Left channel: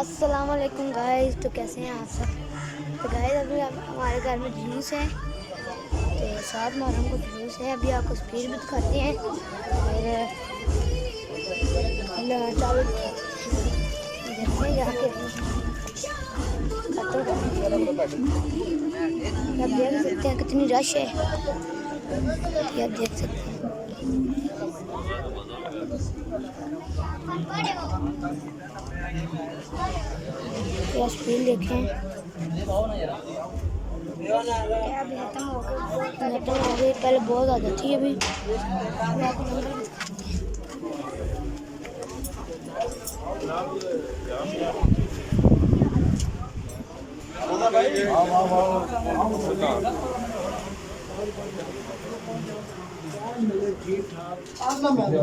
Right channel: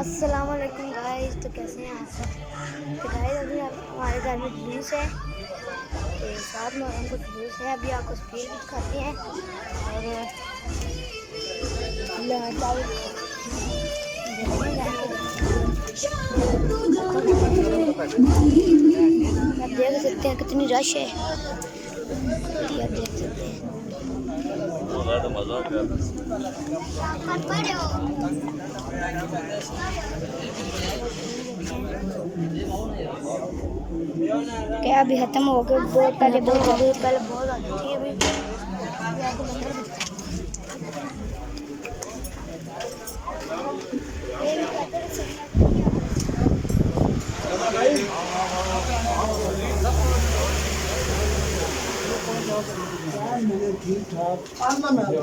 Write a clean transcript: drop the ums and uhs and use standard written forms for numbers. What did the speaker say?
अस्सलाम वालेकुम गाइस। तो कैसे हैं आप सब? तो गाइस अभी हमारे घर में जुलूस है, तो 7 मुहर्रम को जुलूस है। अभी आपको स्पीड भी दिखाते हैं और चावल देखते हैं जाके। आप देख सकते हैं कितनी रश है, ये आप देख सकते हैं। स्पीड देखें क्या अभी खत्म हो गए, बहुत पहले बहुत हो गई, पहले बहुत ज़्यादा थी। अभी आपको नंबर भी ठीक ठाक नंबर है।